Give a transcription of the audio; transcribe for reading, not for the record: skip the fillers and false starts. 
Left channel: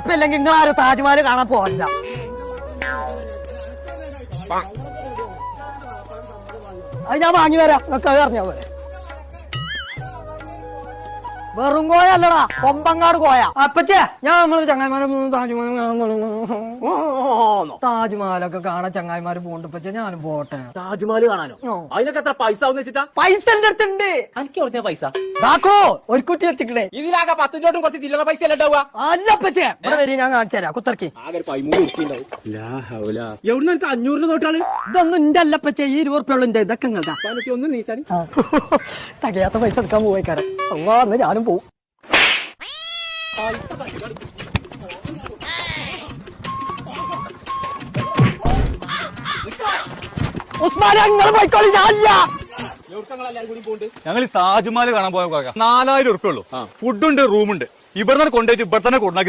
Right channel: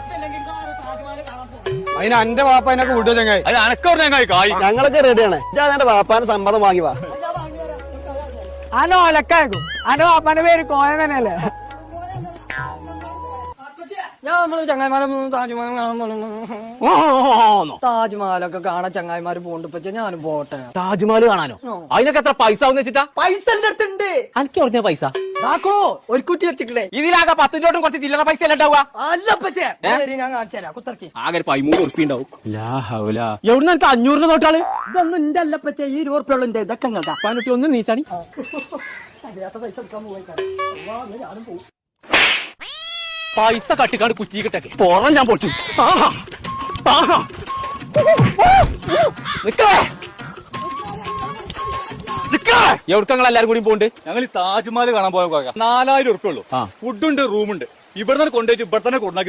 ഉറുപ്പ്യ അല്ലെങ്കിൽ നിങ്ങൾ ആരും താജ്മഹൽ കാണാൻ പോകില്ല. അതിന് എന്റെ വാപ്പ എന്നെ കൂട്ടുക ചങ്ങായി. അത് അനക്കോ ചങ്ങായി കായ്. ഞങ്ങളൊക്കെ റെഡിയാണ്. എന്റെ വാപ്പാന് സമ്മതം വാങ്ങി വാ. അത് ഞാൻ വാങ്ങി വരാം. നിങ്ങൾക്ക് അത് അറിഞ്ഞോ? അനോ ഒലക്കാക്കും. അനോ അപ്പന്റെ പേര് കോയ തന്നെയല്ലേ? വെറും കോയ അല്ലടാ, കൊമ്പങ്ങാട് കോയ. അപ്പച്ചേ ഞാൻ നമ്മള് ചങ്ങായിമാരെ താജ്മഹൽ താജ്മഹലൊക്കെ കാണാൻ ചങ്ങായിമാര് പോകണ്ട്. ഇപ്പച്ചേ ഞാനും പോട്ടെ. താജ്മഹൽ കാണാനോ? അതിനൊക്കെ എത്ര പൈസ ആവുന്ന വെച്ചിട്ടാ? പൈസ എന്റെ അടുത്തുണ്ട്. എനിക്ക് പറഞ്ഞ പൈസ കാക്കോ ഒരു കുറ്റി വെച്ചിട്ടേ. ഇതിലാകെ 10 രൂപ കുറച്ച് ചില്ലറ പൈസ അല്ല ഉണ്ടാവുക. അല്ലപ്പച്ചേ ഞാൻ കാണിച്ചു തരാം. കുത്തർക്കി ആകെ 13 ഉറുപ്പ ഉണ്ടാവും. എവിടുന്ന് എനിക്ക് 500 നോട്ടാള്? ഇതൊന്നും എന്റെ അല്ലപ്പച്ചേ, ഈ 20 ഉറുപ്പ്യ ഉണ്ട്. ഇതൊക്കെ ഇങ്ങോട്ടാ. ഒന്ന് നീച്ചാടി. തകയാത്ത പൈസ എടുക്കാൻ പോയിക്കാരെ. അന്ന് ഞാനും പോവും. പൈസ കട്ടിക്കാട് കുറ്റി കിട്ടേ പുറം ഞാൻ പൊട്ടി. എവിടക്കങ്ങൾ എല്ലാരും കൂടി പോണ്ട്? ഞങ്ങൾ താജ്മഹൽ കാണാൻ പോയ 4000 ഉറുപ്പ ഉള്ളൂ. ഫുഡുണ്ട്, റൂമുണ്ട്. ഇവിടെ കൊണ്ടുപോയിട്ട് ഇവിടെ തന്നെ കൊണ്ടാക്കി